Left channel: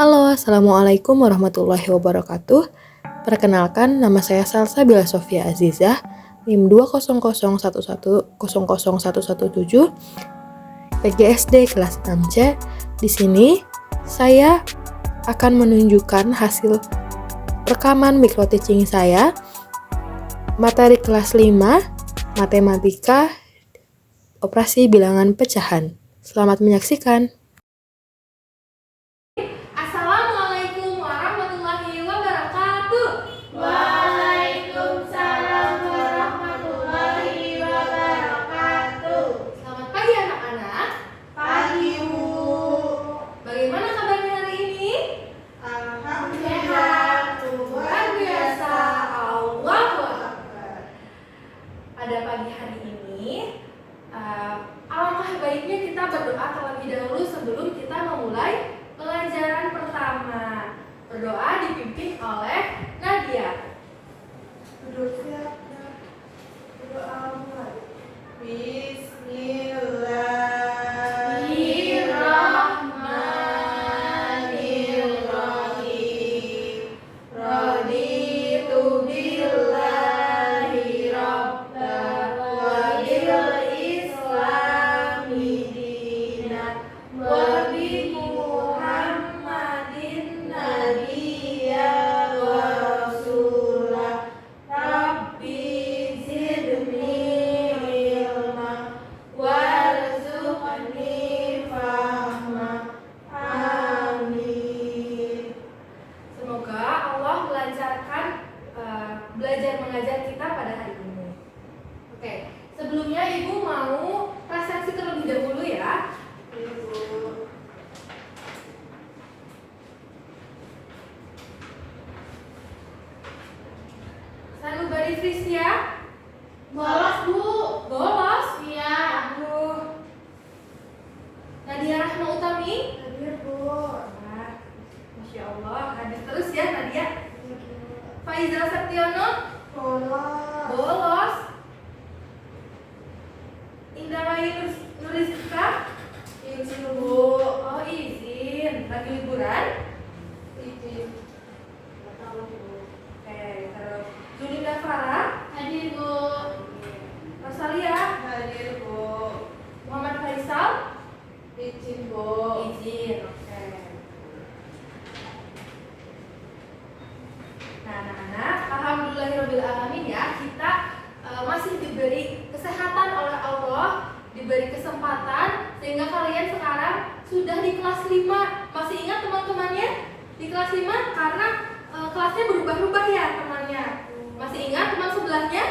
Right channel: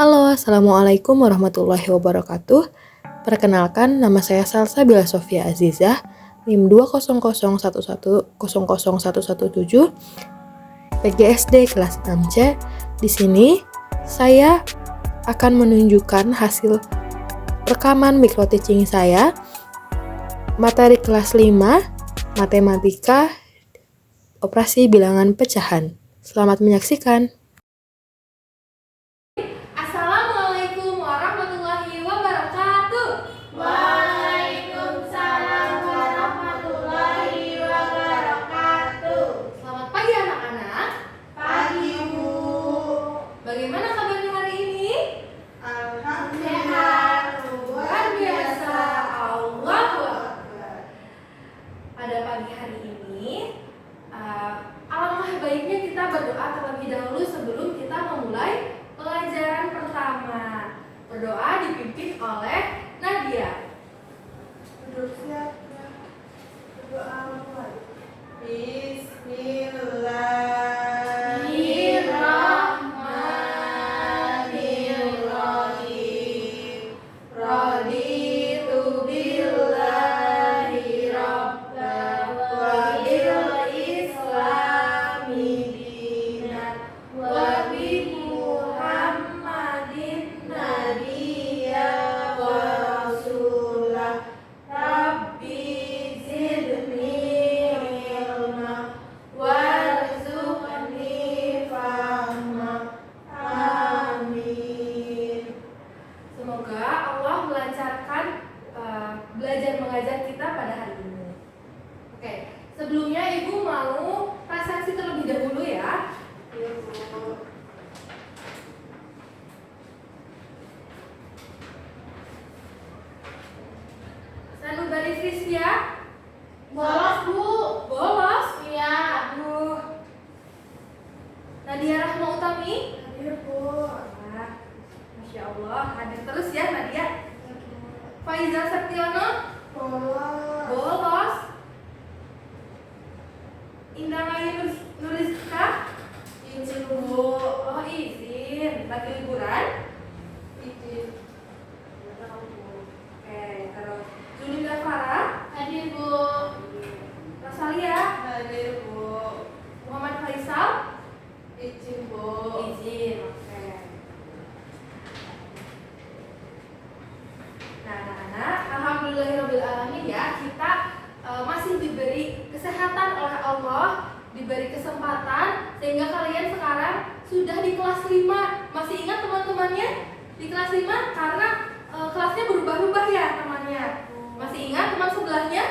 Halo, Assalamualaikum warahmatullahi wabarakatuh. Perkenalkan, nama saya Salsa Bila Sofia Azizah, NIM 20011100117, PGSD kelas 6C. Di sini, saya akan menunjukkan hasil rekaman micro teaching saya, materi kelas 5, matematika, operasi bilangan pecahan. Selamat menyaksikan. Assalamualaikum warahmatullahi wabarakatuh. Waalaikumsalam warahmatullahi wabarakatuh. Selamat pagi anak-anak. Pagi, Bu. Bagaimana kabarnya hari ini? Alhamdulillah. Luar biasa. Allahu Akbar. Pada pagi hari ini, alangkah baiknya kita berdoa terlebih dahulu sebelum kita memulai pelajaran pertama. Berdoa dipimpin oleh Nadia. Berdoa mulai. Bismillahirrahmanirrahim. Raditu billahi rabban wa bil islami dinan wa bi Muhammadin nabiyyan wa rasulah. Rabbi zidni ilma warzuqni fahma. Amin. Semoga Allah melancarkan belajar mengajar kita pada hari ini. Oke, sebelumnya Ibu mau presentasi terlebih dahulu ya. Sanubari Frisya, Bolos, Bu. bolos. Iya. Aduh. Nadia Rahma Utami. Hadir, Bu. Wah, Masya Allah, hadir terus ya Nadia. Faizal Septiono, Bolos. bolos. Indah Mayu Nuriska, Izin, Bu. oh izin, lagi liburan. Izin. Tahu, Bu. Oke, terus Julinda Farah, Hadir, Bu. Rosalia, Hadir, Bu. Muhammad Faisal, Izin, Bu. izin. Oke. Nah, anak-anak, alhamdulillahirobbilalamin ya, kita masih diberi kesehatan oleh Allah, diberi kesempatan sehingga kalian sekarang sudah di kelas 5. Masih ingat teman-temannya di kelas 5 karena kelasnya berubah-ubah ya temannya. Masih ingat teman sebelahnya?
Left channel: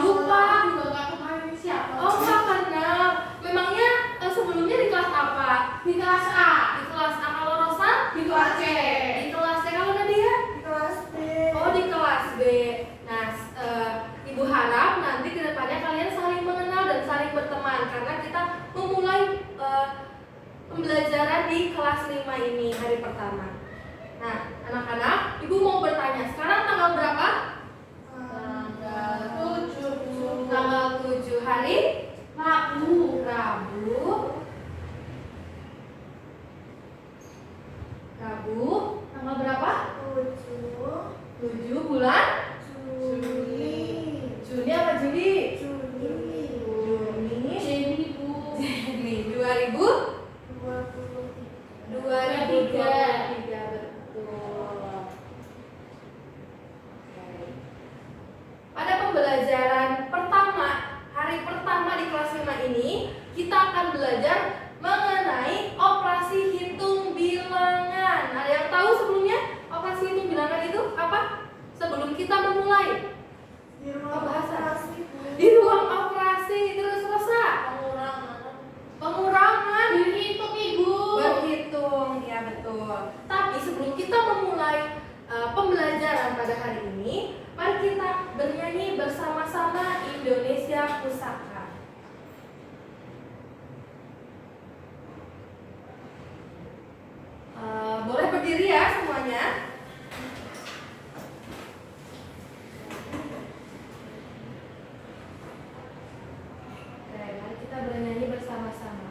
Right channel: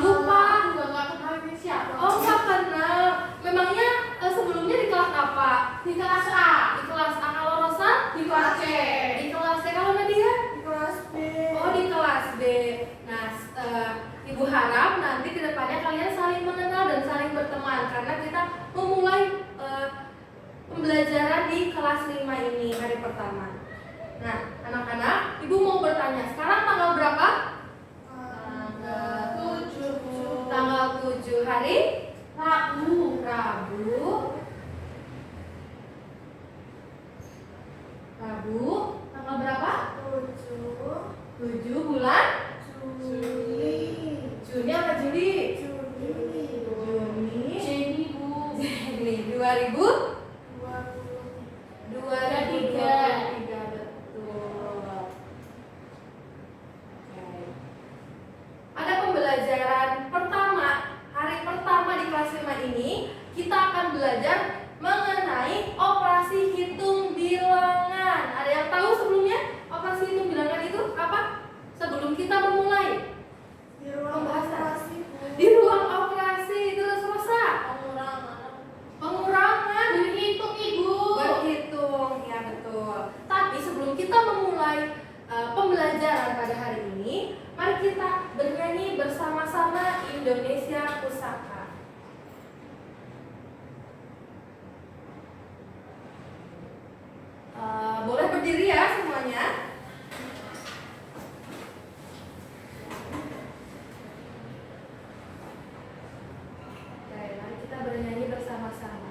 Lupa. Enggak kenal ini siapa. Oh, nggak kenal. Memangnya sebelumnya di kelas apa? Di kelas A. Di kelas A. Kalau Rosa? Di kelas C. Di kelas C. Kalau Nadia? Di kelas B. Oh, di kelas B. Nah, Ibu harap nanti kedepannya kalian saling mengenal dan saling berteman karena kita memulai pembelajaran di kelas 5 ini hari pertama. Nah, anak-anak, Ibu mau bertanya, sekarang tanggal berapa? Tanggal 7 hari Rabu. Rabu. Tanggal berapa? 7 7 bulan Juli. Juni apa Juli? Juni. Juni. Bu. Juni 2000 20. 2023, betul. Oke. Pada pembelajaran pertama, hari pertama di kelas 5 ini, kita akan belajar mengenai operasi hitung bilangan. Ada yang tahu sebelumnya operasi hitung bilangan itu apa? Sebelum kita memulai Di ruang pembahasan. operasi, Bu. Di ruang operasi, terus Rosa. Pengurangan. Berhitung, Ibu. Berhitung, ya betul. Tapi sebelum kita memulai pembelajaran pada hari ini, mari kita bernyanyi bersama-sama Indonesia Pusaka. Boleh berdiri ya semuanya. Oke, mari kita bernyanyi bersama-sama.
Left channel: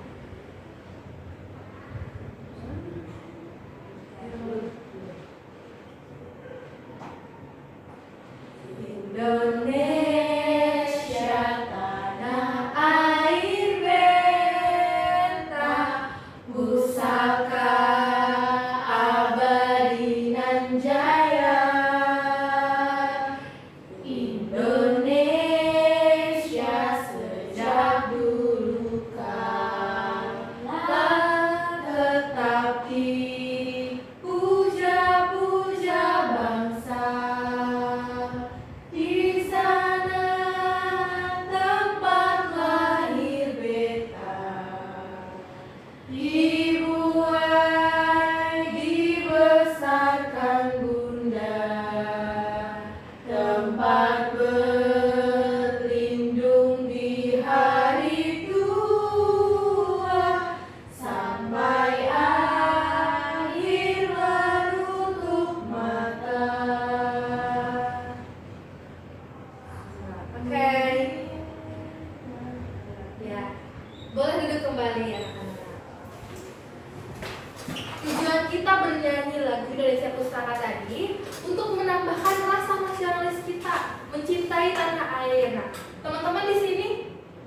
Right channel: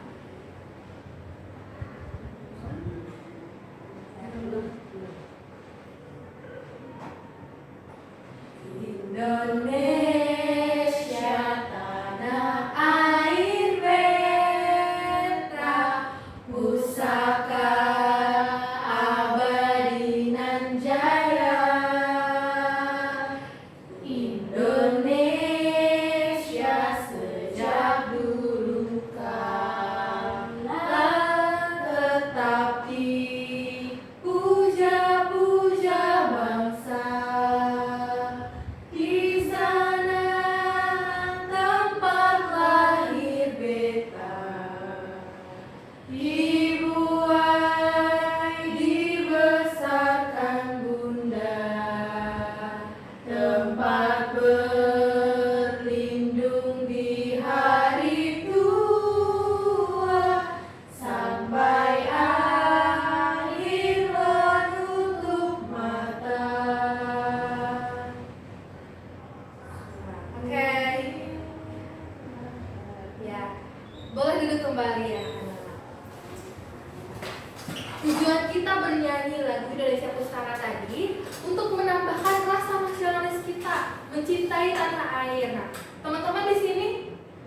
kita bernyanyi lagu Indonesia Pusaka tadi untuk menambahkan rasa nasionalis kita, mencintai tanah air. Nah, teman-teman di sini,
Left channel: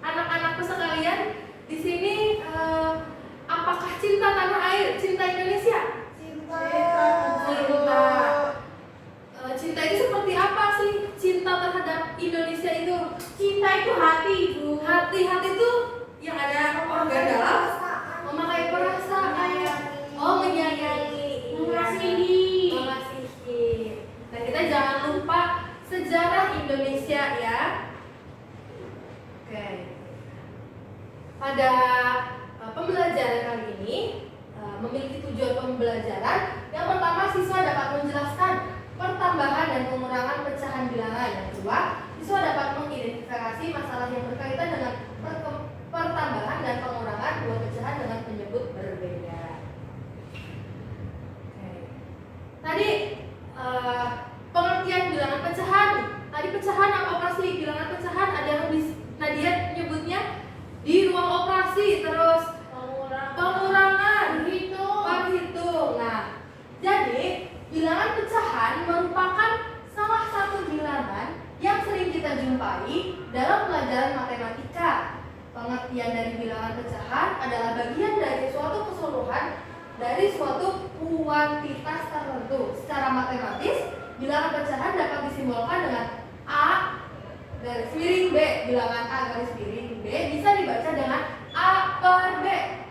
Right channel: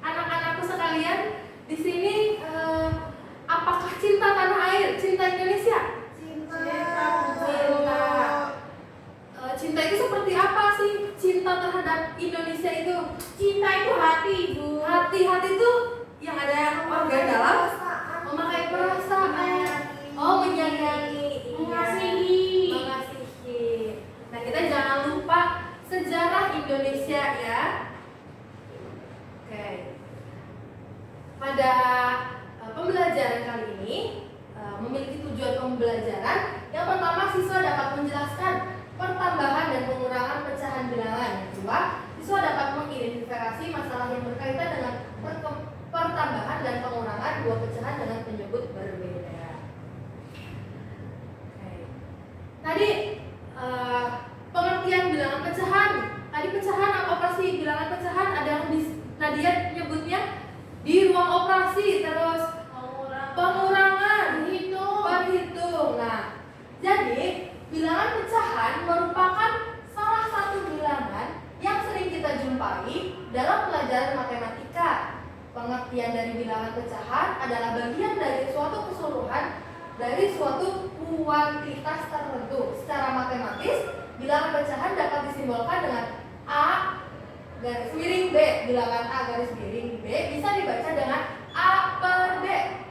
anak-anakku sekalian, di sini apakah cinta tanah air, cinta Indonesia? Cinta. Cinta itu seperti apa sih? Cinta terhadap Indonesia itu? Cinta itu hati, Ibu. Hati itu yang ada organ dalam memakai perasaan. Oh, menyayangi, Mengasihi. Nah, kita jangan lupa sejarah Indonesia ya. Oke. Pada pembelajaran kali ini memiliki tujuan pembelajaran. Yang pertama, siswa dapat menjelaskan pertambahan dan pengurangan pecahan bilangan. Yang kedua, siswa dapat mengidentifikasi masalah yang berkaitan dengan pertambahan dan pengurangan dua pecahan dengan penyebut berbeda. Oke. Tadi pengertian bilangan pecahan. Tadi pecahan apa operasi bilangan pecahan? Ada yang Nadia nyebutnya di ruang operasi, terus pengurangan, perhitung. Nah, jadi bilangan pecahan merupakan salah satu bilangan yang sering kita jumpai dalam pelajaran matematika. Pengertian dari bilangan pecahan adalah bagian dari suatu keseluruhan dari suatu kuantitas tertentu. Secara matematis, bilangan pecahan dapat disimbolkan dengan A garis miring B. Bilangan A garis miring B bisa dibaca dengan A per B.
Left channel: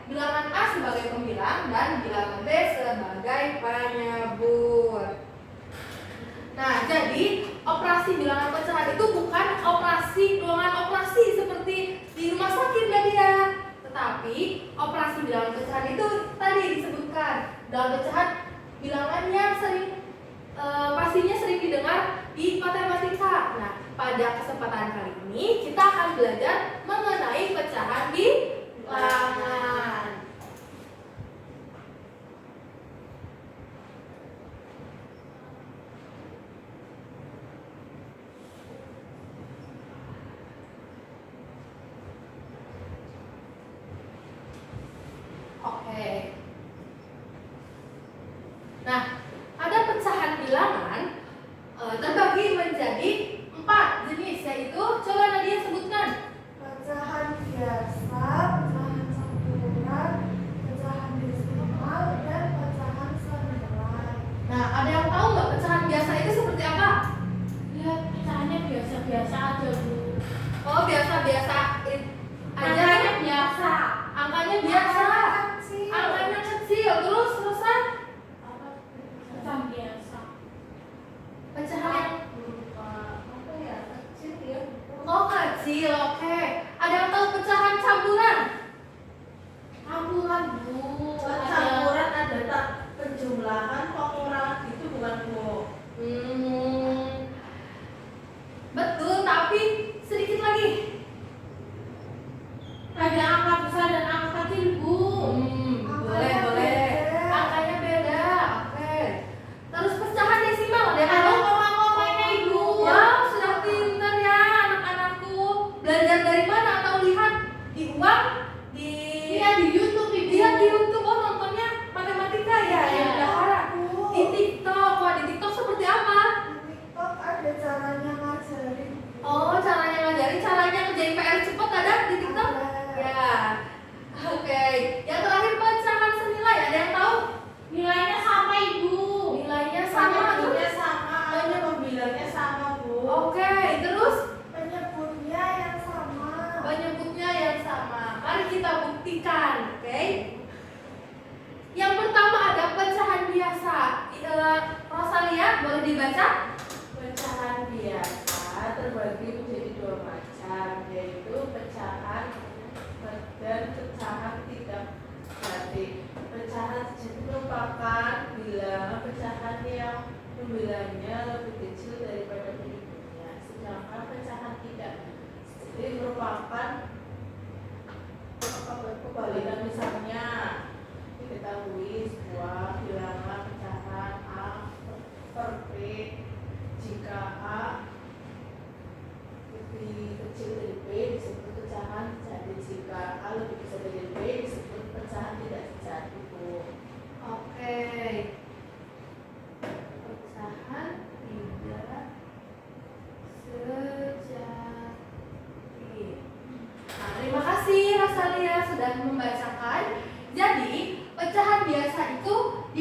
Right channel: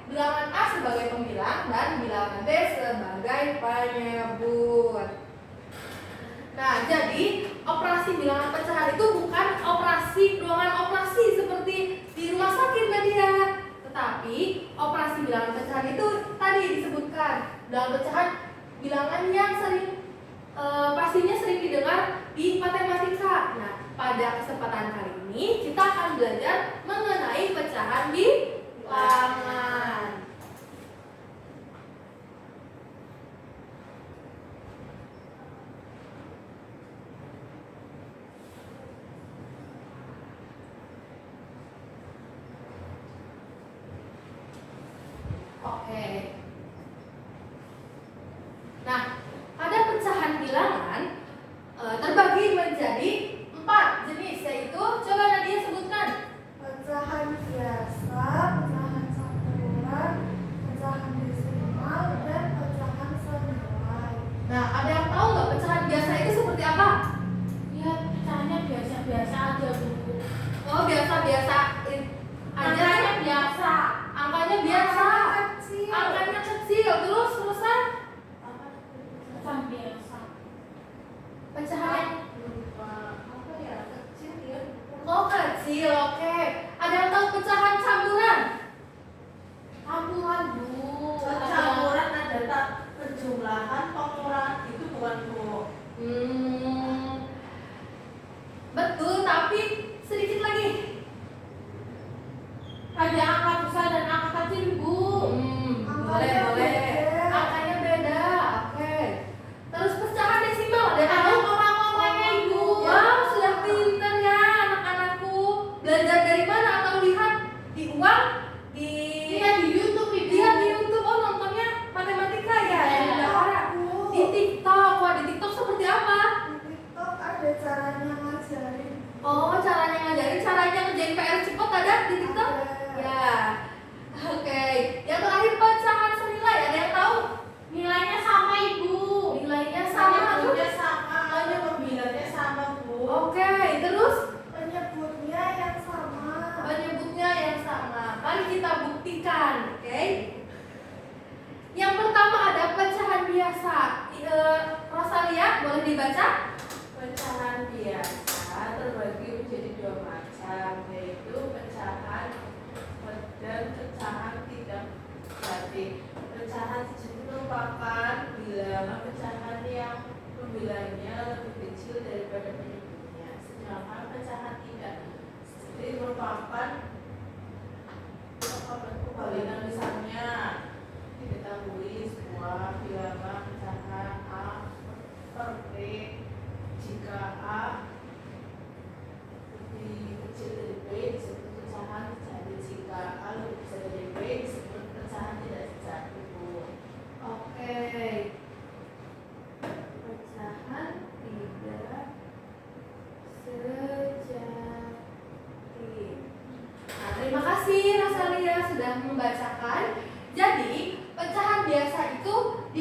Bilangan A sebagai pembilang dan bilangan B sebagai penyebut. Nah, jadi operasi bilangan pecahan itu bukan ruangan operasi seperti di rumah sakit Nadia, tetapi operasi bilangan pecahan itu tadi disebutkan dalam pecahan bilangan yang pastinya sering didengar di matematika. Nah, pada kesempatan kali ini kita akan belajar mengenai pecahan bilangan. Oke. Nah, ada pecahan bilangan terbagi menjadi 4 jenis, yaitu coba Nadia sebutkan. Pecahan biasa, pecahan campuran, pecahan desimal, dan pecahan senilai. Nah, ada yang tahu nggak pecahan biasa itu seperti apa? Lihat pecahannya biasa-biasa aja, Bu. Oh, biasa-biasa aja. biasa. Angkanya biasa. Angkanya kecil. Terusan Pecahan biasa. pecahan Apa ya? Kecil ya. oh kecil, oke. Ada yang tahu pecahan campuran? Campuran, Bu. Campuran ada tak penjumlahan, pengurangan itu bukan, Bu. Betul, tapi sedikit lagi. Ada angka besar dan angka kecil, Bu. Boleh. Angkanya beda, oke. Terus pecahan desimal, ada yang Ada tahu? koma-komanya, Ibu. Wah, sudah pintar ya anak-anakku. Belajar dari mana atau lihat di uang? Lihat di YouTube, Ibu. Lihat di YouTube. Oh, nontonnya matematika ya? Yang udah orang. Di TikTok. Wah, di TikTok seperti apa? Di TikTok ada caranya ngajarin. Oh, caranya ngajarin, caranya ngerjain PR cepet ada di TikTok? Ada. Ya. Oke. Yang terakhir pecahan senilai, ada yang tahu? Nilainya sama, Ibu. Nilainya sama tuh. Penyebutnya sama, ada pembilangnya sama, Bu. Oke, terus Penyebutnya yang sama. penyebutnya yang sama. Mari kita buktikan, oke? Yang pertama ada pecahan biasa. Rosalia, boleh dibaca? Pecahan biasa terbagi menjadi dua macam, yaitu pecahan dan pecahan tidak jati. Pecahan sejati merupakan bilangan pecahan yang pembilangnya lebih kecil daripada penyebutnya, sedangkan pecahan tidak jati merupakan kebalikan. Misalnya diketahui sebuah bilangan pecahan A per B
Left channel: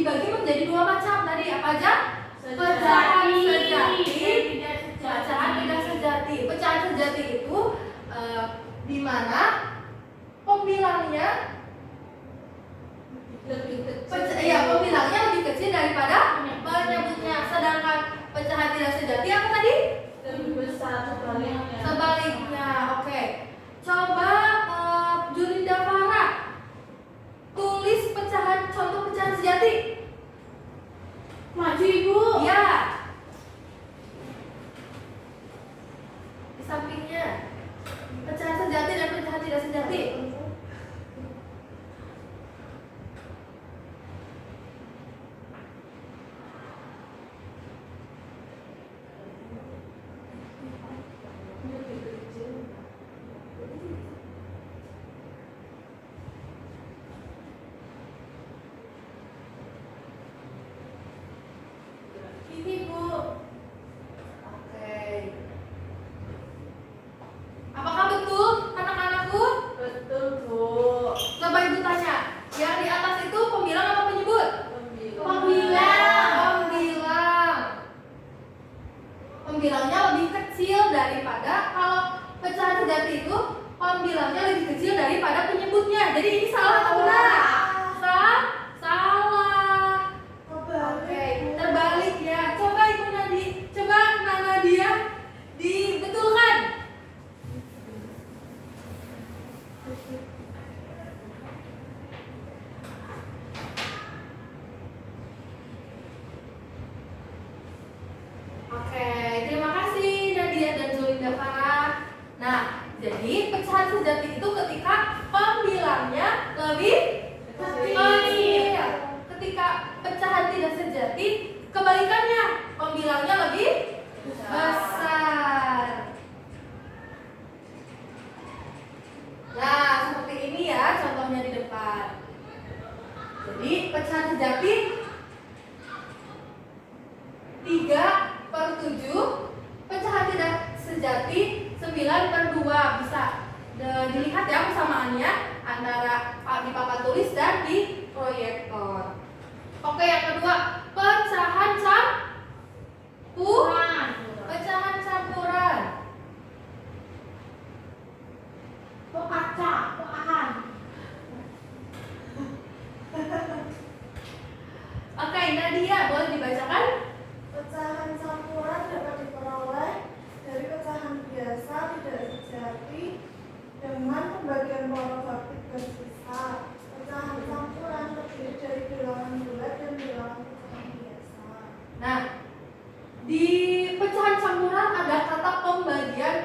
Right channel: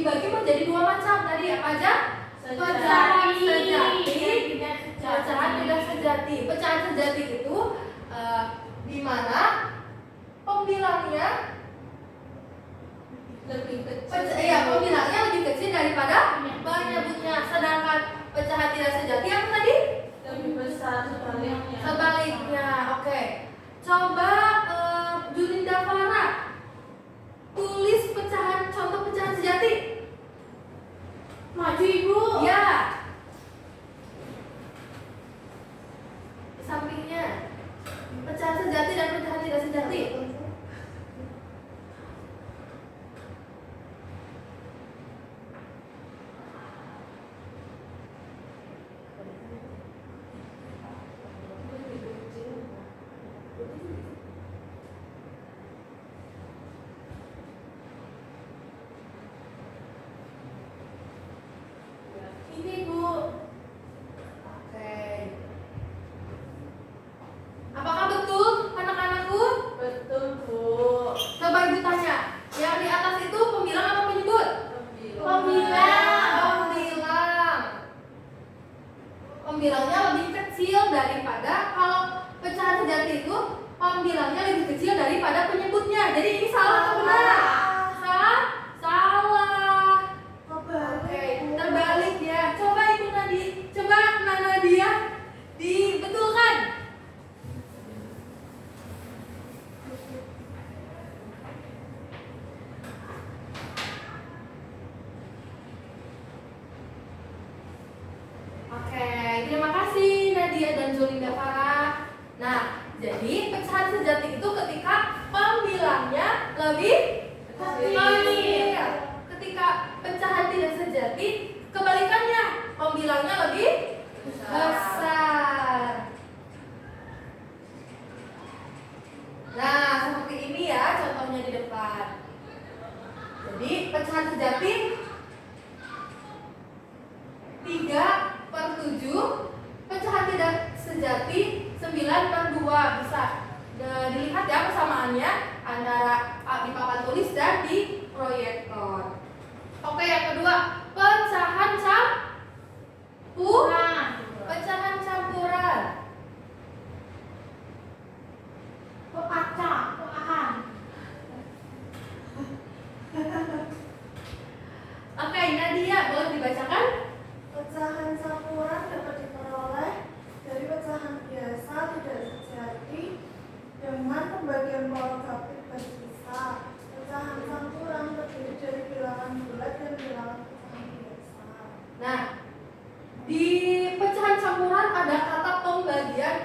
dibagi menjadi dua macam tadi. Apa aja? Pecahan sejati, pecahan tidak sejati. Pecahan sejati itu di mana pembilangnya pembilangnya lebih kecil daripada penyebutnya. Sedangkan pecahan tidak sejati apa tadi? Lebih besar sebaliknya. Sebaliknya. Oke. Coba Julinda Farah tulis contoh pecahan sejati. Maju ibu. Ya. Di sampingnya. Pecahan sejati dan pecahan tidak sejati. Ini bu. Oke. Apakah betul anak-anakku? Betul bu. Coba ibu tanya, yang di atas itu pembilang atau penyebut? Pembilang. Pembilangnya lebih kecil daripada, kalau pecahan sejati itu pembilangnya lebih kecil daripada penyebutnya. Jadi ini salah atau benar? Salah. Oke, terbalik ya. Coba ibu Nadia dibetulkan. Oke, terima kasih Nadia dan Zulinda Farah. Nah, jadi pecahan sejati itu ketika pembilangnya lebih kecil. Ketika pecahan tidak sejati, kebalikannya, pembilangnya lebih besar. Nah, seperti ini ya contohnya di depan. Jadi pecahan sejati 3/7, pecahan tidak sejati 9/2. Bisa dilihat ya persamaannya antara di papan tulis dan di proyektor. Oke, yang kedua, pecahan campuran. Kok kaca? Kok ahan? Oke, Nadia boleh dibacakan? Pecahan campuran dapat diperoleh dari pecahan biasa tidak sejati dengan pembagian pola grafik bersisa. Pecahan campuran terdiri dari bilangan bulat dan bilangan pecahan biasa. Nah, di pecahan campuran ada kata pembagian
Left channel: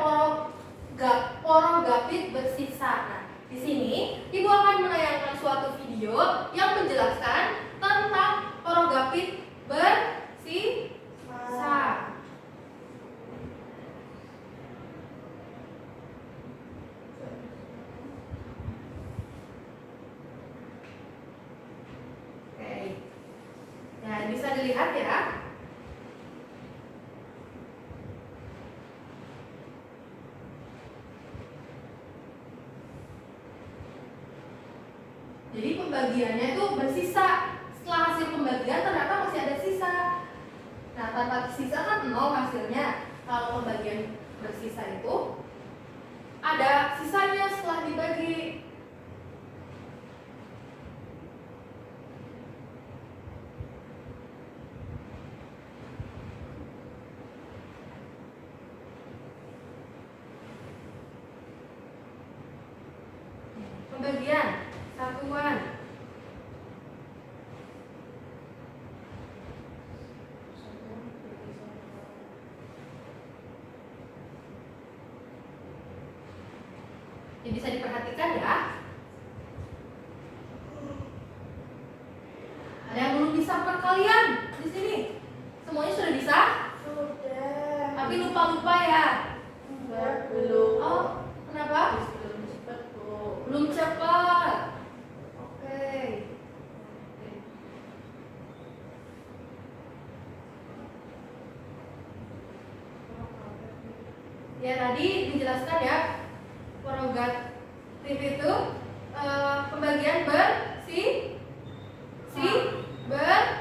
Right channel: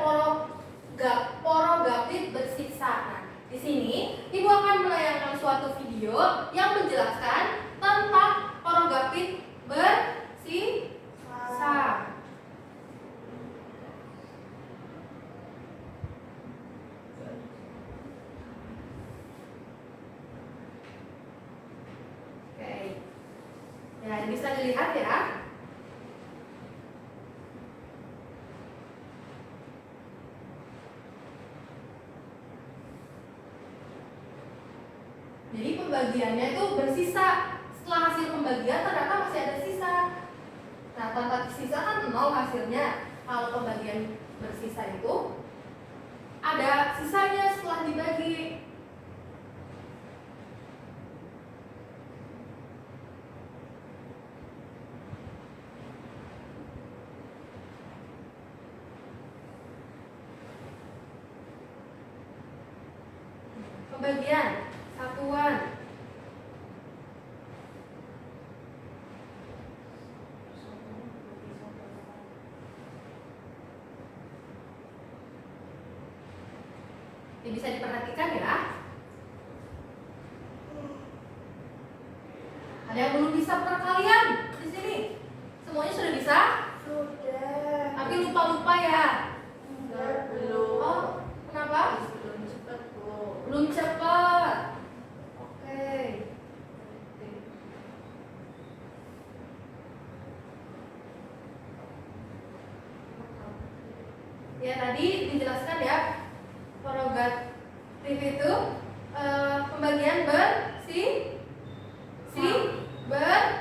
porogapit bersisa. Nah, di sini Ibu akan menayangkan suatu video yang menjelaskan tentang porogapit bersisa. Oke. Ya, bisa dilihat ya. Jadi pembagiannya itu bersisa. Setelah hasil pembagian ternyata masih ada sisa. Nah, tanpa sisa kan 0 hasilnya. Kalau pembagian bersisa itu ada sisanya setelah dibagi. Pembagian satuan. Ini bisa diperhatikan ya. Ada yang belum bisa perkalian di sini? Semuanya sudah bisa? Sudah. Tapi lupa-lupa ya. Belum. Oh, kenapa? Belum cepat bu. Belum cepat. Oke. Ya, tadi dijelaskan ya, prerogatif itu pembagian bersih, ber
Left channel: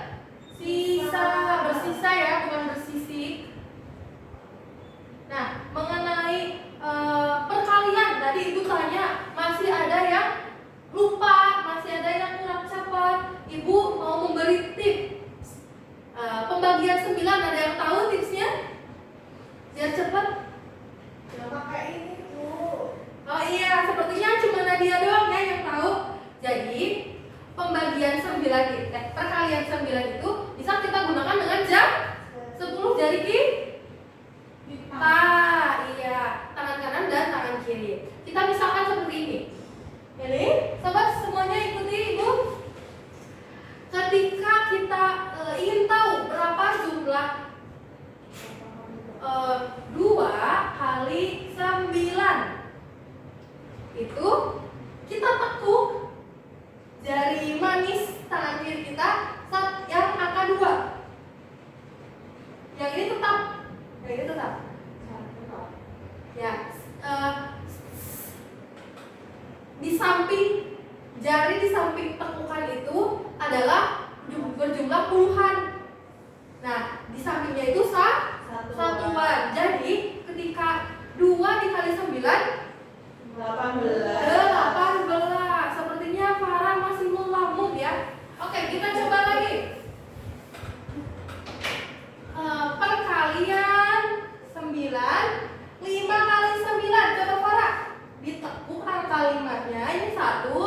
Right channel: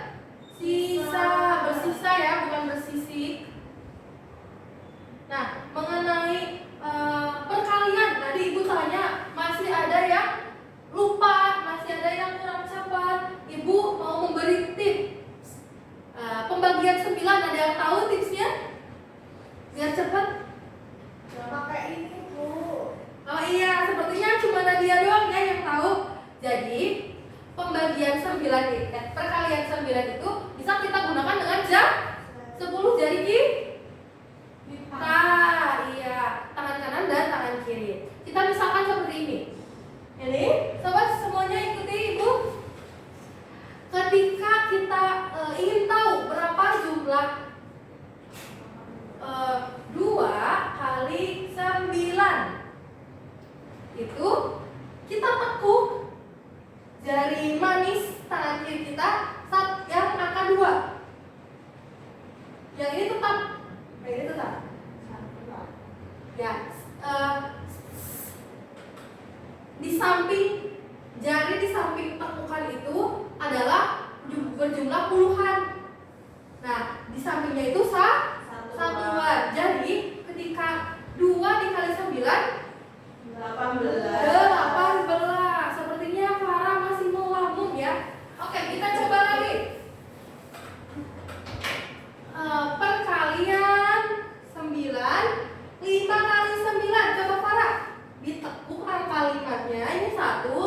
itu bisa kita gunakan dengan 10 jari kita. Iya, tangan kanan dan tangan kiri. Kita misalkan seperti ini. Ini, sobat semuanya ikuti Ibu. Ketika kita ingin tahu berapa jumlah 2 kali 9, itu kita tekuk jari manis tangan kiri kita saat yang angka 2. Yang ini tetap, ya. Di samping jari di samping tekukan itu adalah berjumlah puluhan. Nah, di sampingnya itu satuan. Jadi ketika 2 dikali 9 18. Sepertinya Farah masih melamun ya. Oke, kita coba lagi. Perkalian 9, 5 kali 9. Coba Farah, ditekuk angka 5-nya. Ini 1, 2,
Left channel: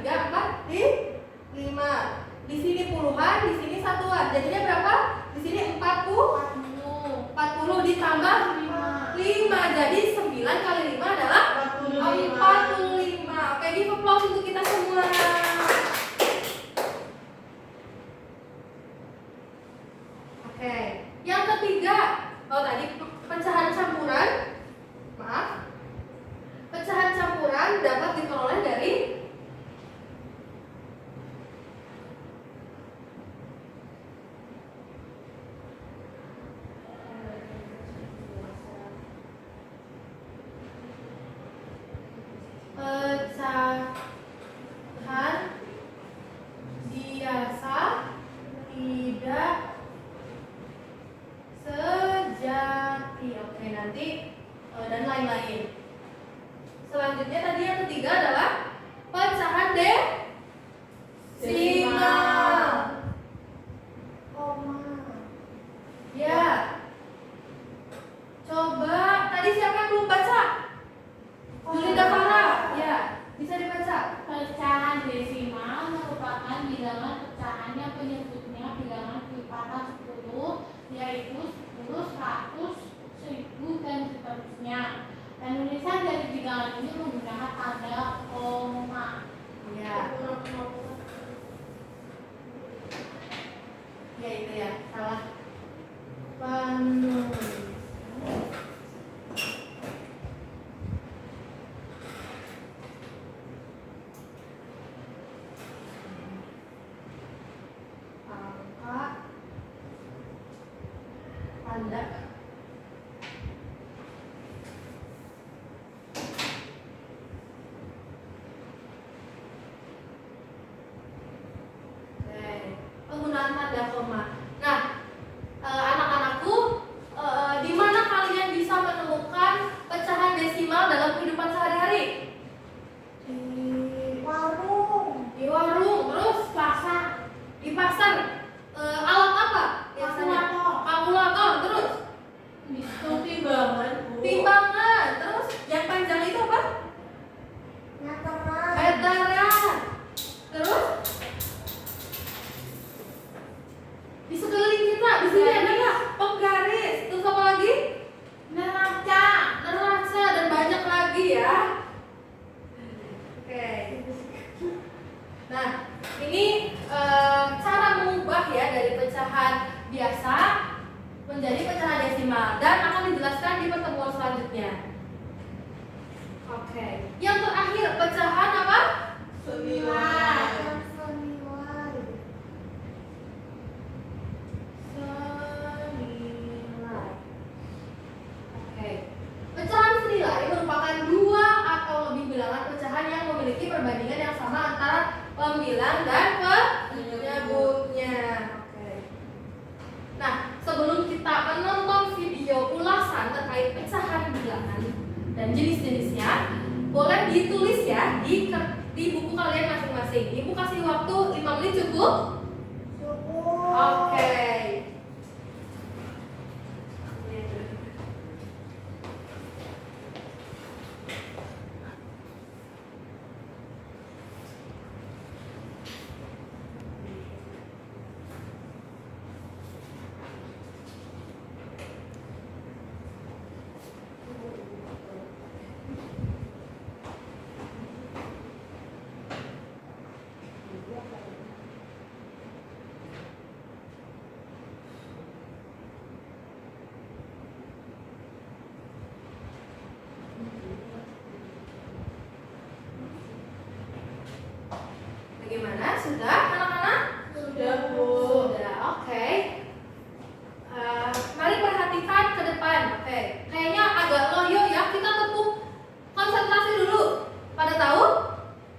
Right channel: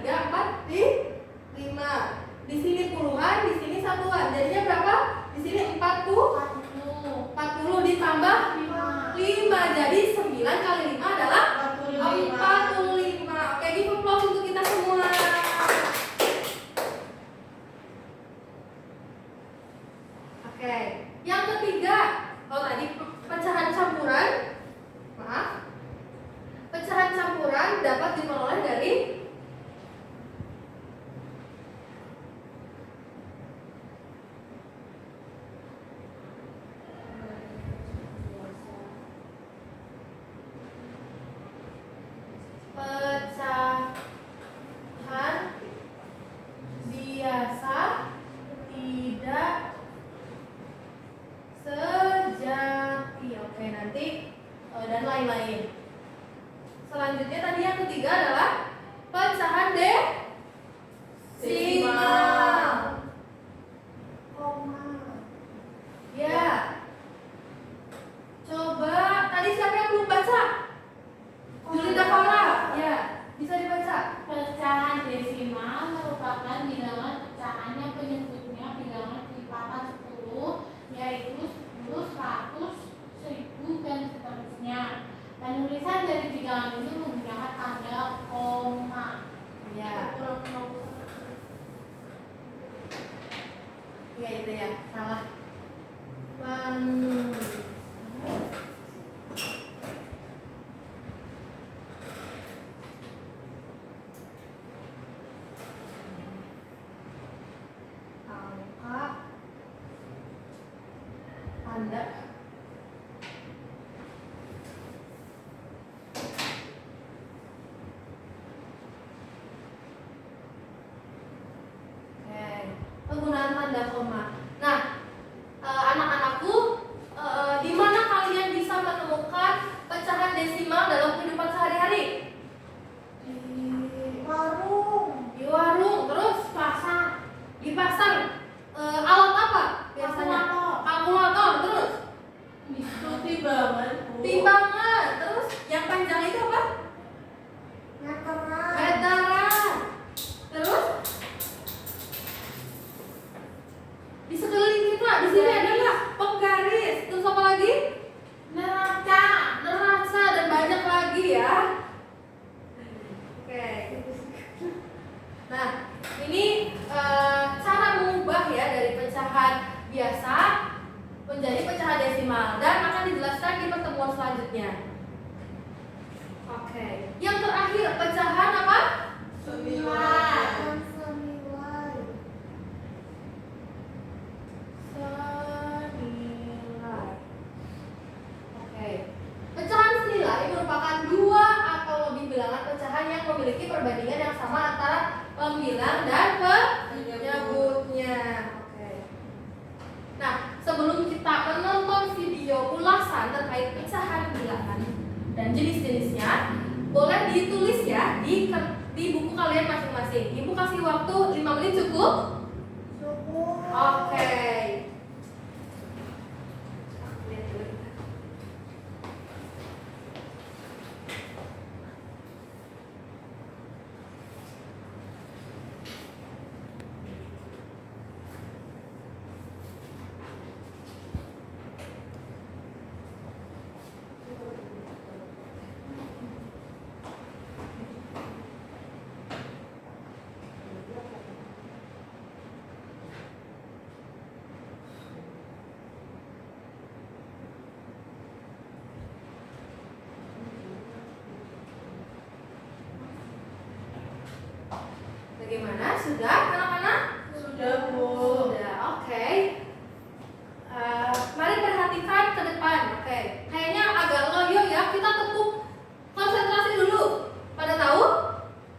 3, 4, 5. Di sini puluhan, di sini satuan. Jadinya berapa? Di sini 40 ditambah 5. Jadi 9 kali 5 adalah 45. Oke, give applause untuk kita semua. Oke, yang ketiga, tadi pecahan campuran. Pecahan campuran dapat diperoleh dari pecahan biasa tidak sejati. Oke, nanti dan lain-lain. Selanjutnya tadi yang ketiga adalah pecahan desimal. Ya. Coba tadi siapa yang belum baca? Julinda Farah. Ya, bisa dibaca. Pecahan desimal merupakan bilangan pecahan yang penyebutnya bilangan kelipatan 10, yaitu 10, 100, 1000, dan seterusnya. Penulisan dari bilangan ini menggunakan tanda koma. Ya. Ya itu ya, salah. Angka tanda penggunaan tanda koma. Nah, anak-anakku, di mana kalian bisa menemukan pecahan desimal dalam kehidupan sehari-hari? Di warung, terus di pasar. Alat apa biasanya? Kalkulator, terus timbangan, terus yang panjang itu apa? Meteran. Terus di sekeliling kita, di sini ada nggak? Penggaris. Terus apa lagi? Neraca, dan banyak lagi ya. Oke. Nah, ini cara mengubah ya dari pecahan biasa menjadi pecahan desimal dan akan dijelaskan di pertemuan selanjutnya. Oke. Yang terakhir pecahan apa? Senilai. Oke. Pecahan senilai merupakan 2 atau lebih bilangan pecahan yang memiliki perbandingan yang sama antara pembilang dan penyebutnya. Oke. Nah, sebelum kita menonton video ulasan terkait pecahan bilangan dan jenis-jenisnya, boleh ditulis ya di buku kalian masing-masing. Ibu kasih waktu 5 menit cukup? Oke. Sudah, anak-anak? Sudah, Bu. Sudah, oke. Mari perhatikan ke depan. Oke, kayaknya agak loyo ya. Kita tepuk konsentrasi dulu. Pada tahu?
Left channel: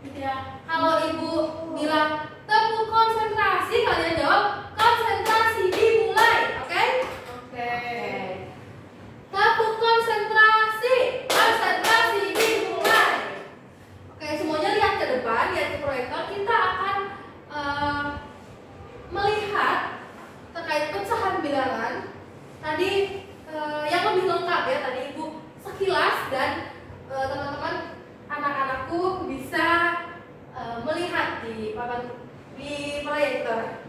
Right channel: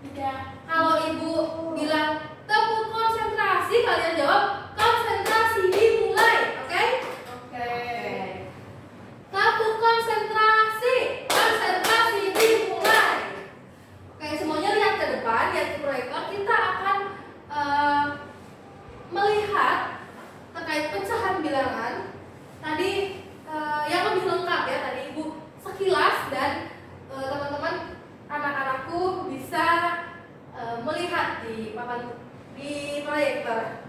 Tidak. Kalau ibu bilang tepuk konsentrasi, kalian jawab konsentrasi dimulai. Oke? Oke. Tepuk konsentrasi. Konsentrasi dimulai. Oke, semuanya lihat ke depan, lihat ke proyektor. Kita akan melihat terkait pecahan bilangan. Tadi yang lebih lengkap ya, tadi ibu sekilas dan teman-teman anak-anakku bisa melihat di proyektor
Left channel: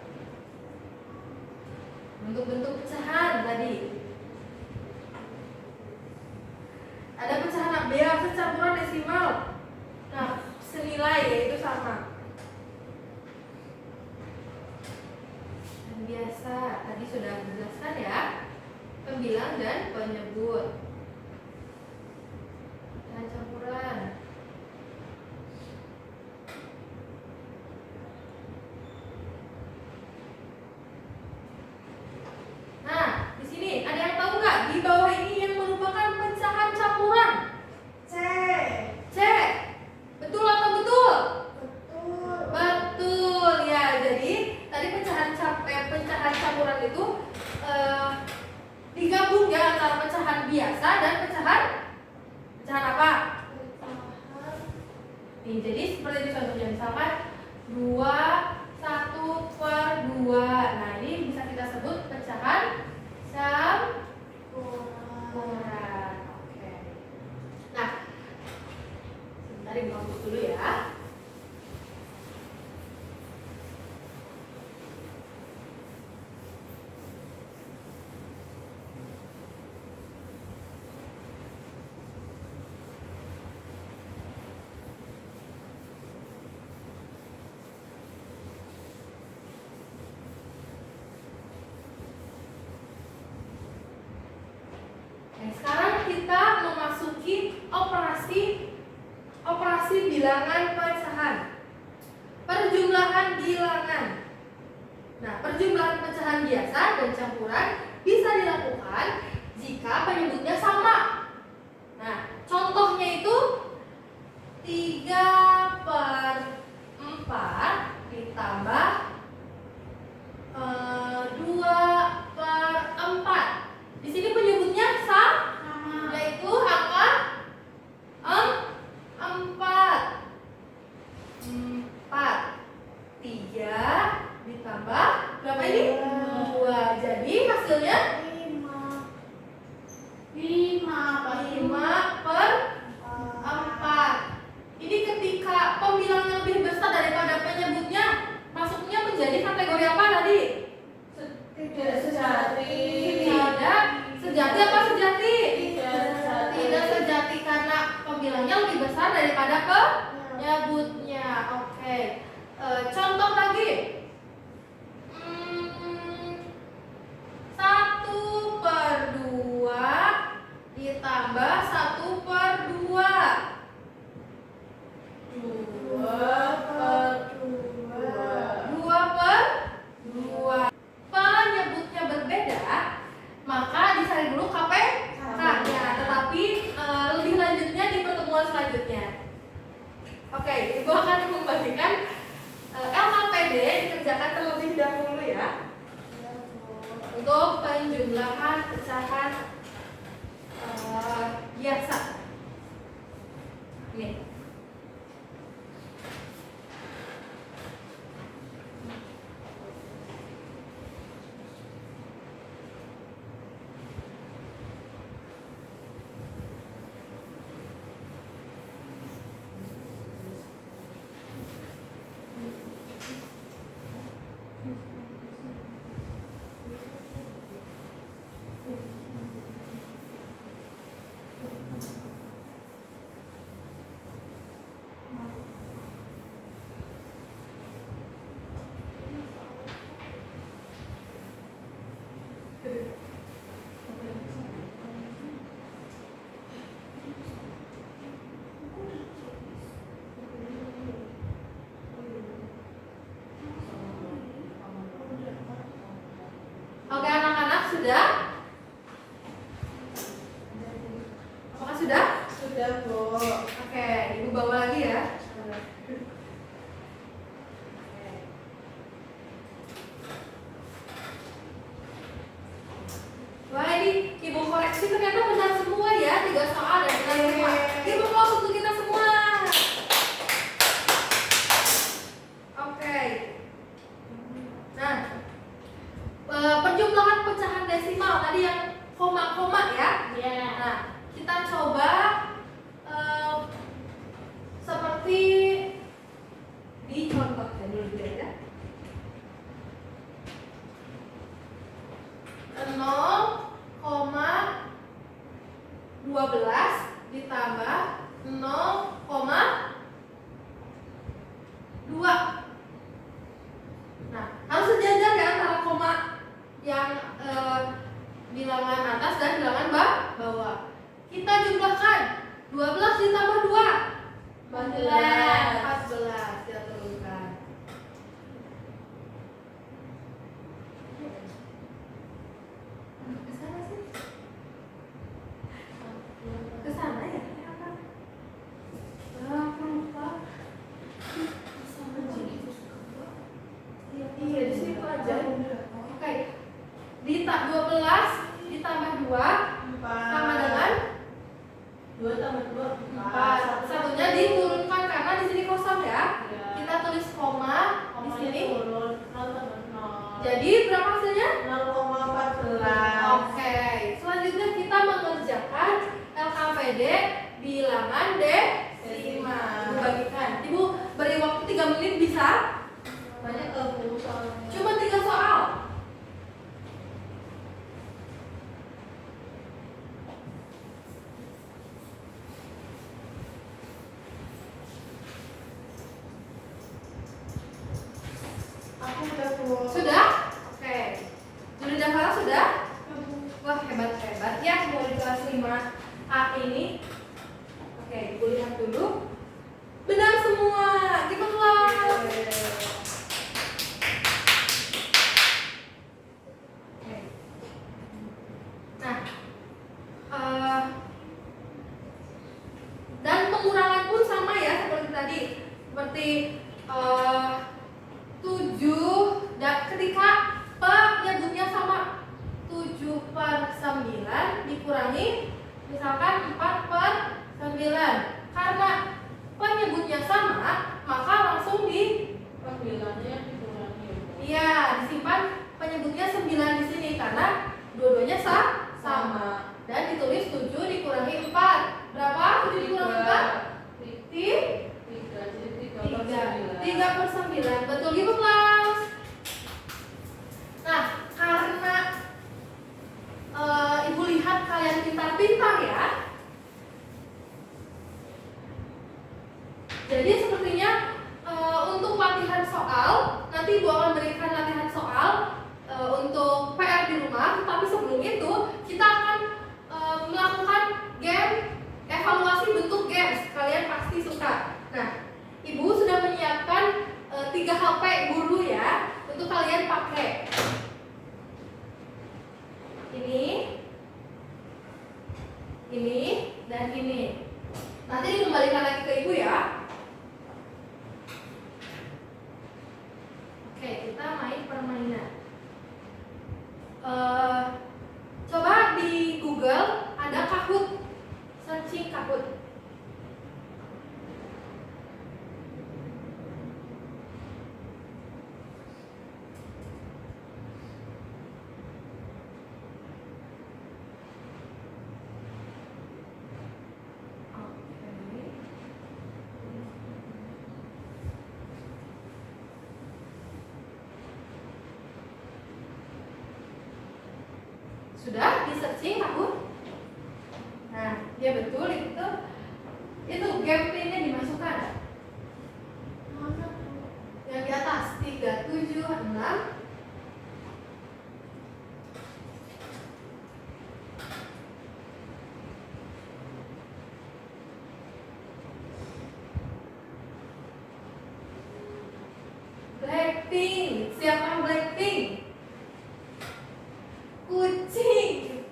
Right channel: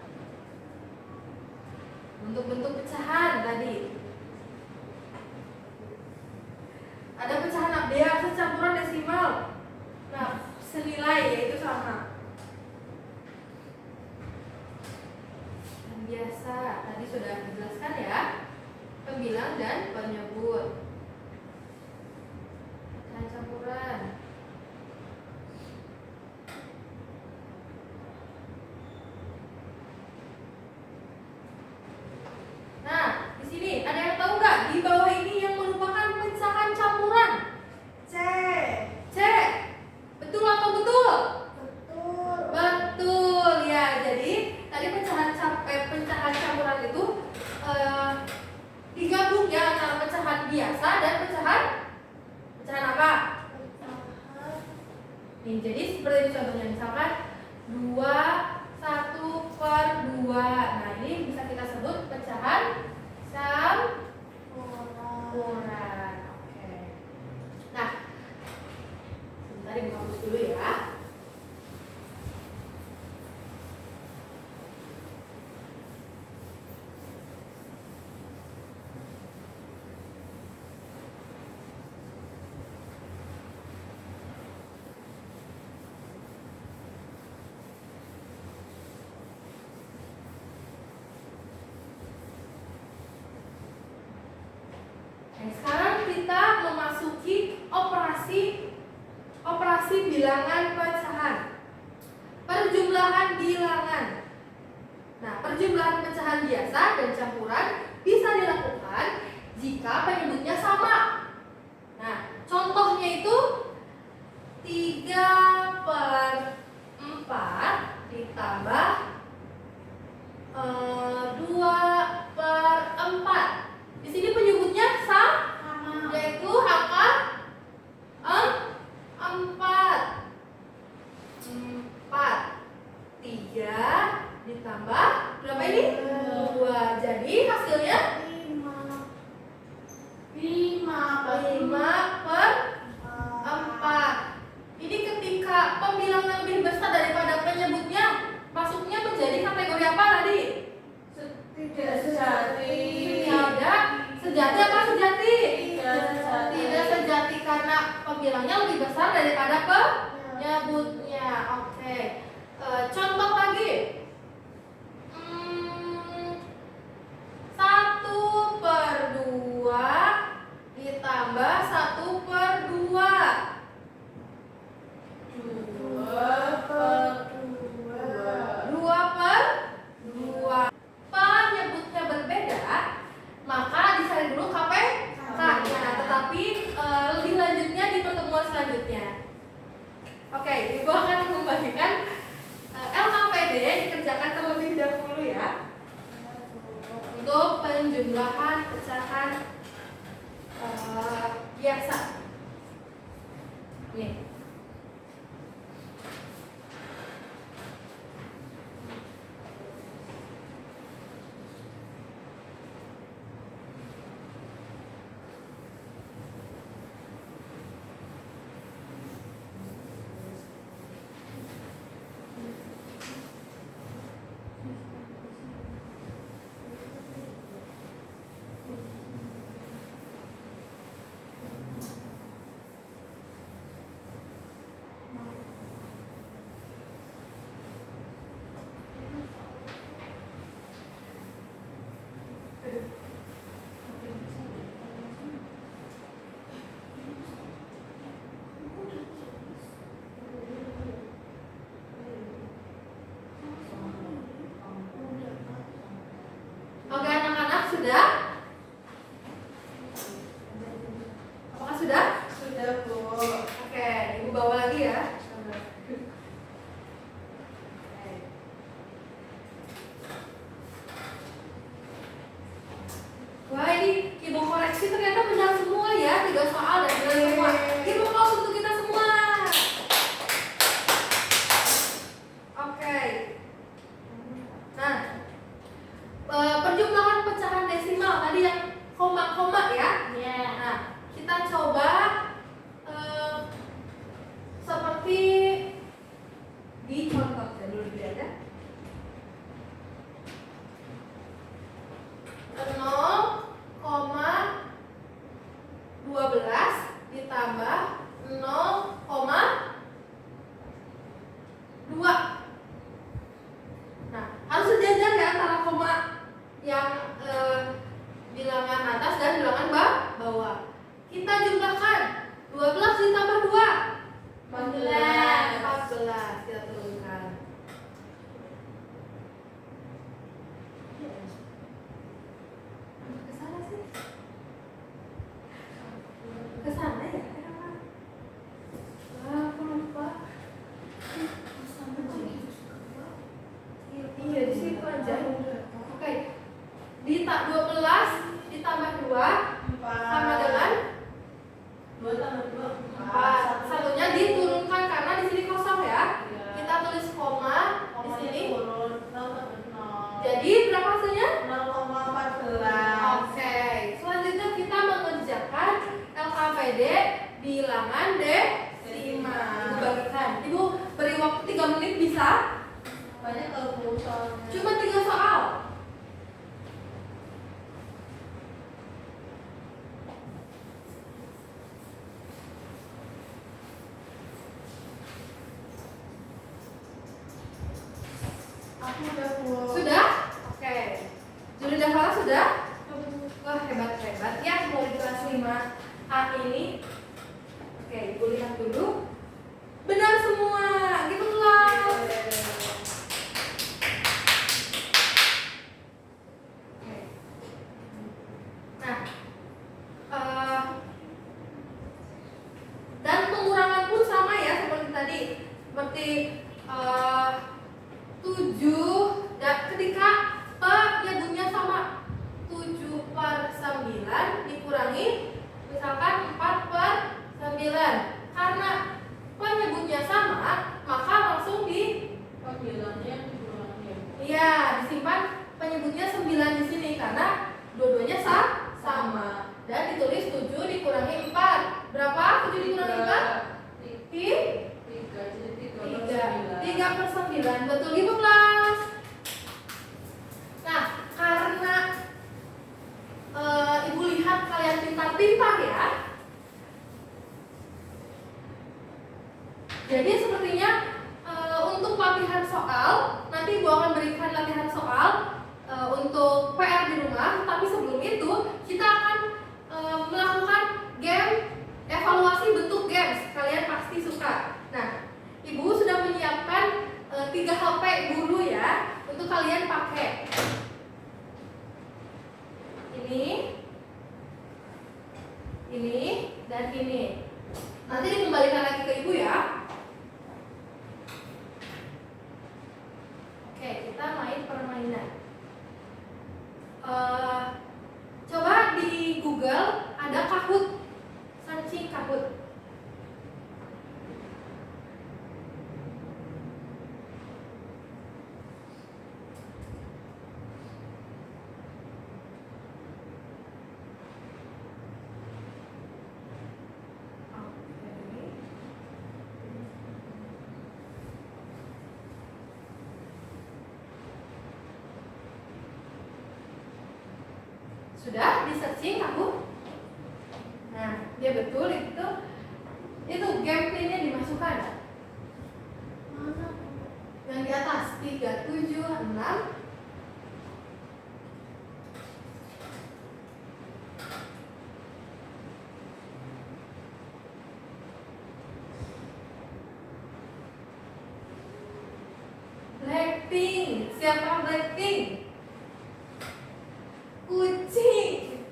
bentuk-bentuk pecahan tadi. Ada pecahan biasa, campuran, desimal. Nah, senilai yaitu sama. Dan biasa tadi sudah dijelaskan ya, pembilang dan penyebut. Pecahan campuran. Nah, di sini ada yang tahu nggak di bawah ini yang merupakan pecahan campuran? C. C. Betul atau betul? Betul. Betul ya. Jadi tadi pecahan campuran itu digabung ya antara pecahan biasa dan pecahan apa? Nih, jadi seperti ini contohnya, misalkan 2/1/2. Nah, ini bisa kita sebut pecahan campuran. Oke. Nah, sebentar ibu hapus dulu ya. Sekarang kita memasuki operasi bilangan pecahan. Perjumlahan bilangan. Nah, perjumlahan pecahan biasa dan campuran bisa dilakukan jika penyebutnya sama. Nah, contohnya itu 3/4 ditambah 2/4. Di sini penyebutnya sama, yaitu angka 4. 3 ditambah berapa ini? 2. Jadi hasilnya 5/4. Ini ketika pembilang yang lebih besar daripada penyebutnya, masuknya menjadi kategori apa tadi? Tidak sejati. Tidak sejati apa sejati? Tidak sejati. Tidak sejati karena pembilangnya lebih besar daripada penyebutnya. Oke. Contoh lagi. 1/2 ditambah 1/2. 2/2. Penyebutnya berbeda, maka dicari dulu KPK-nya. Tetapi lebih lanjutnya di pertemuan selanjutnya. Oke, ibu akan membagikan LKPD dikerjakan terlebih dahulu ya. Untuk penjumlahan pecahan biasa. Nih. penjumlahan pecahan desimal tadi yang koma-koma ya. Iya. Nah, kita coba seperti dicontohkan dulu ya. 0,12 ditambah 0,2. Nah, harus sejajar ya antara koma yang bilangan atas dan bilangan bawah. Kita jumlahkan 12 ditambah 2 14. Kita turunkan. Ke sana sih. Ke sana ya? Aku lupa. Iya, di situ aja. Oke. 12 ditambah 2 sama dengan 2 tambah 2 4. Satunya diturunkan karena di sini kosong ya. Iya. Kita tulis koma di sini. turun 0 tambah 0. Jadi berapa hasilnya? 0,14. Oke. Selanjutnya kita mengerjakan LKPD bilangan desimal. Ibu bagikan. Ibu beri waktu 3 menit bisa? Banyak kalau soalnya. Cuma 3 soal. Aku udah full. Sudah? Oke. Juli Dafara sudah? Wah, hebat ya mulai di kelas 5A ini. Oke, ibu lihat dulu. Benar semua. Give applause. Oke. Nah, dan pengurangan pun sama ya seperti tadi. Seperti 7 dan ketika penyebutnya sama 7/9 dikurangi misalkan 4/9. Karena penyebutnya sama maka langsung Pembilangnya dikurangi. iya disimpan penyebutnya 9 di sini karena dua-duanya sama dan ditulis 7 dikurangi 4. Berapa? 7 dikurangi 4? 3/9. Betul Ibu kelas. Nah, karena Ibu lihat kalian pintar-pintar ya. Jadi sepertinya untuk latihan soal nanti Ibu akan berikan latihan soal untuk PR di rumah. Tapi sebelum itu kita akan melakukan game evaluasi bentuk games. Kalian pasti suka. Nah, Ibu sudah menyiapkan 3 HP guru ya untuk kalian pakai. Ini dan ini. Nanti dikembalikan lagi ke Ibu ya. Oke, kita main permainan. Coba di Google ada Kahoot, searching Kahoot. Sudah di searching Kahoot? Nah, dia betul itu game PIN-nya dimasukkan. Yang di atas 376. Blackpink, siapa Blackpink? Kucing.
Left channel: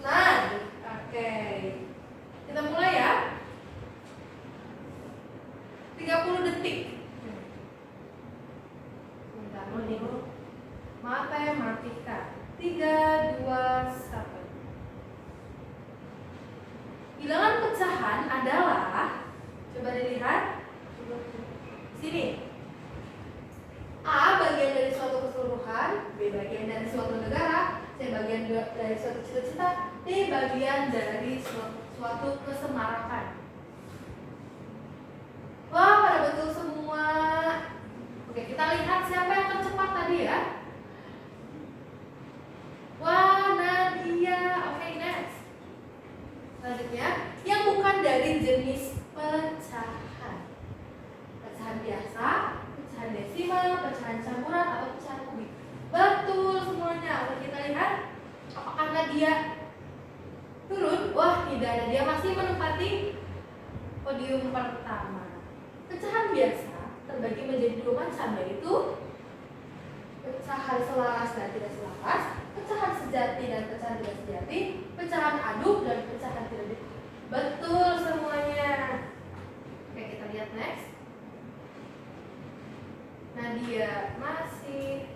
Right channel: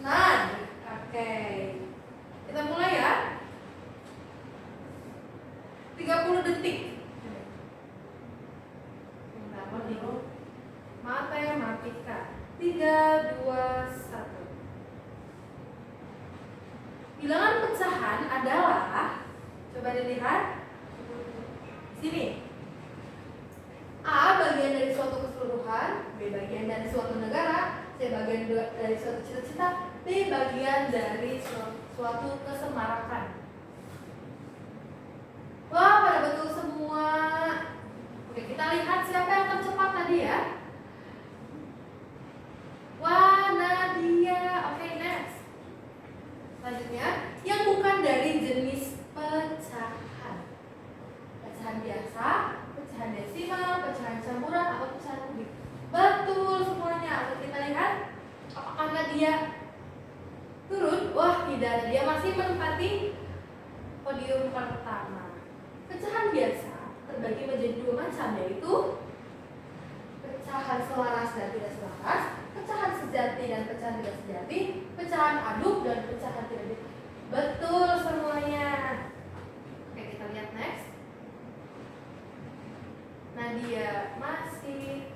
Nah, oke. Kita mulai ya. 30 detik. Bentar, dulu. Matematika. 3, 2, 1. Bilangan pecahan adalah, coba dilihat sini. A bagian dari suatu keseluruhan, B B bagian dari suatu negara, C bagian dari suatu cita-cita, D bagian dari suatu kesemarakan. Wah, pada betul semua. Oke, kita lihat siapa yang tercepat tadi ya. Wah, Nadia. Oke, next. Selanjutnya, yang bukan dari jenis pecahan. Pecahan biasa, pecahan desimal, pecahan campuran, atau pecahan kubik. Betul semuanya. Oke, kita lihat apakah Nadia turun? Wah, tidak. Nadia masih menempati podium pertama. Pecahan biasa terbagi menjadi dua macam, yaitu pecahan selaras dan tidak selaras, pecahan sejati dan pecahan tidak sejati, pecahan aduk dan pecahan tidak aduk. Betul semuanya. Oke, kita lihat next. Nadia masih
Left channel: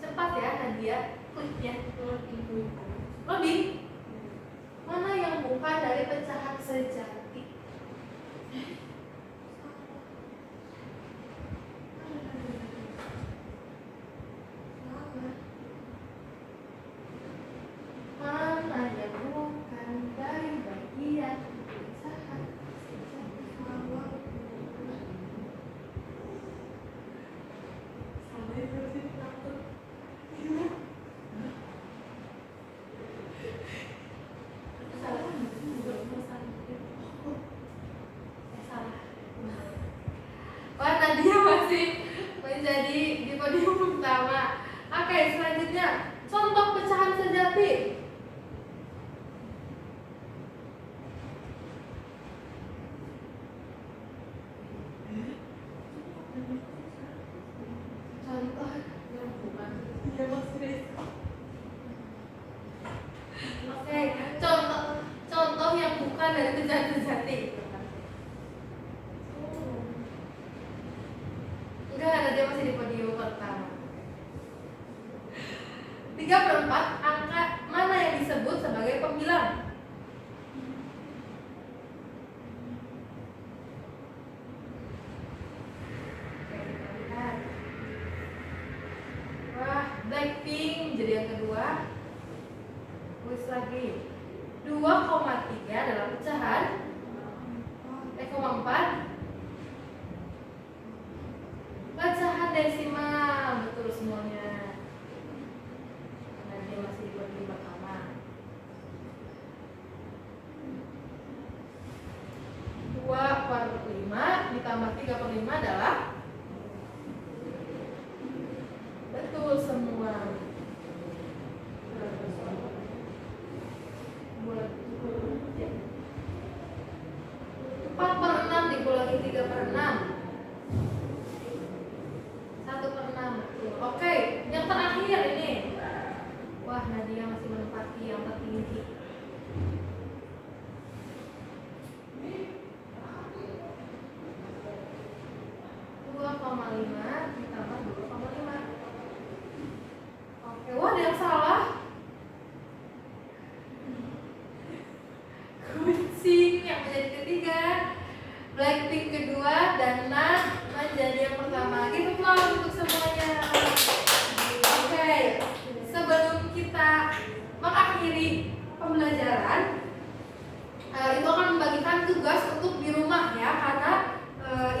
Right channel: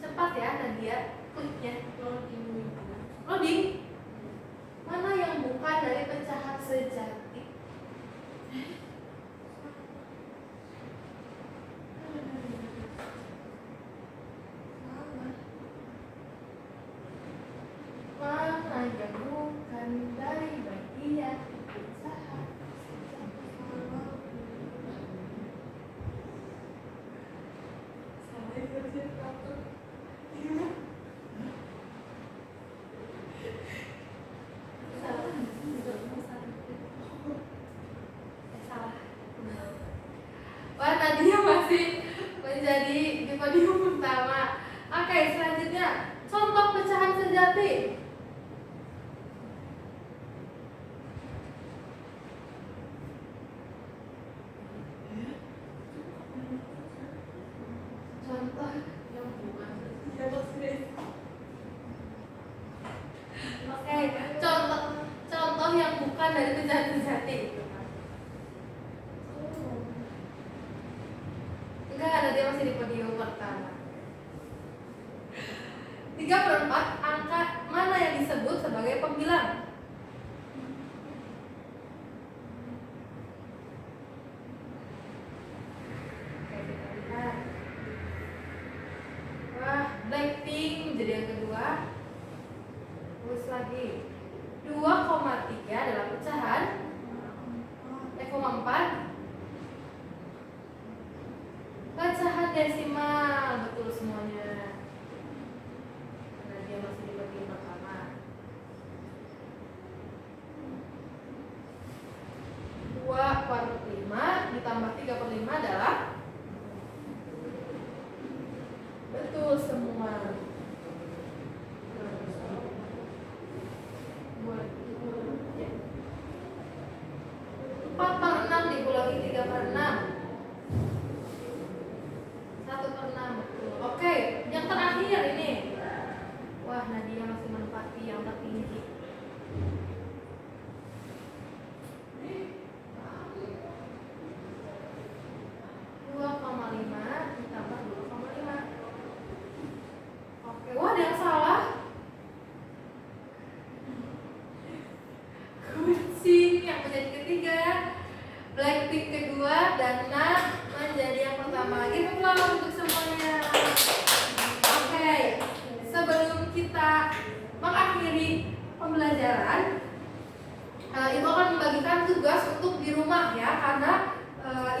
cepat ya, Nadia. Kliknya loading. Mana yang bukan dari pecahan sejati? Mana yang bukan dari bagian pecahan Wah, Nadia masih menjadi di podium utama. Oke, selanjutnya contoh pecahan sejati. Contoh yang bukan. Oke, contoh yang bukan dari pecahan sejati. Enggak, Nadia masih di podium pertama. 3/4 angka mana yang disebut sebagai pembilang? Oke, kita lihat. Wah, Blackpink jadi yang kedua. Terus lagi 2,3 adalah pecahan 4 pecahan desimal. Betul semuanya. Karena dia masih di podium pertama. 2/5 ditambah 3/5 adalah betul semua. 4/6 dikurangi 3/6. 1/6. Oke, yang terakhir ini. Wah, Nadia masih menempati yang tertinggi. 2,5 ditambah 2,5. Oke, wah ada yang salah. Kucing yang menjadi ketiga, Blackpink kedua, dan Nat menjadi yang pertama. Give applause untuk semuanya. Oke, sebelum kita mengakhiri pembelajaran, Ibu akan membagikan tugas untuk di rumah ya, karena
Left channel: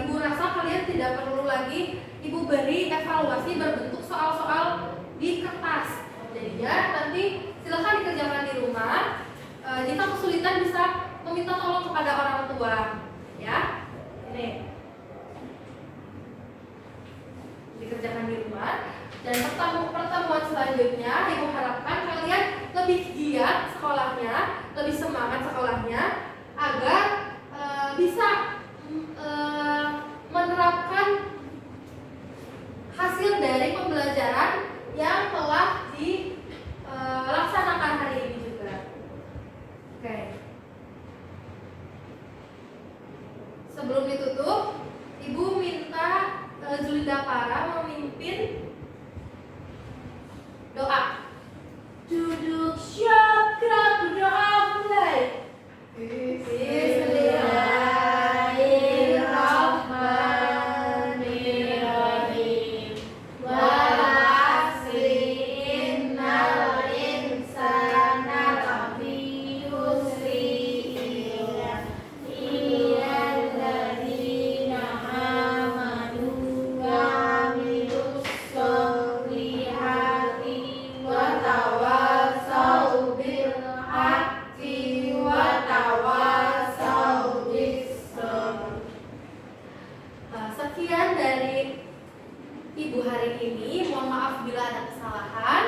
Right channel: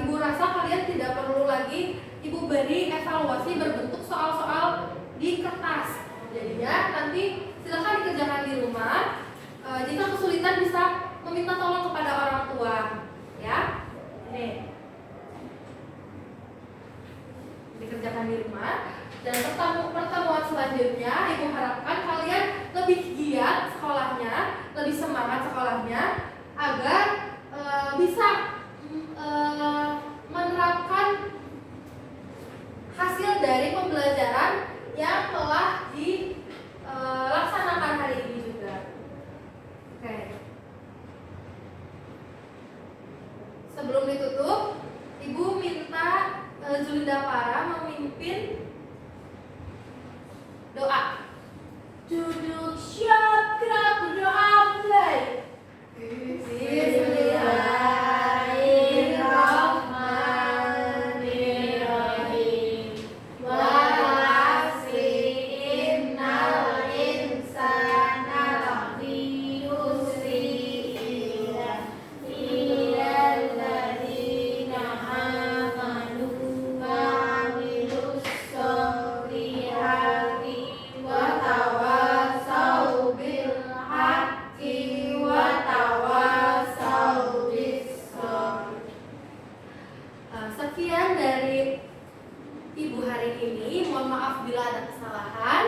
Ibu rasa kalian tidak perlu lagi Ibu beri evaluasi berbentuk soal-soal di kertas. Jadinya nanti silakan dikerjakan di rumah. Jika kesulitan bisa meminta tolong kepada orang tua, ya. Ini dikerjakan di rumah. Dan pertemuan selanjutnya, Ibu harapkan kalian lebih giat sekolahnya, lebih semangat sekolahnya, agar bisa menerapkan hasil dari pembelajaran yang telah dilaksanakan hari ini juga. Oke. Sebelum ditutup, Ibu minta Julinda Para memimpin doa. Duduk siap, gerak berdoa, mulai. Bismillahirrahmanirrahim. Wa apabila ada kesalahan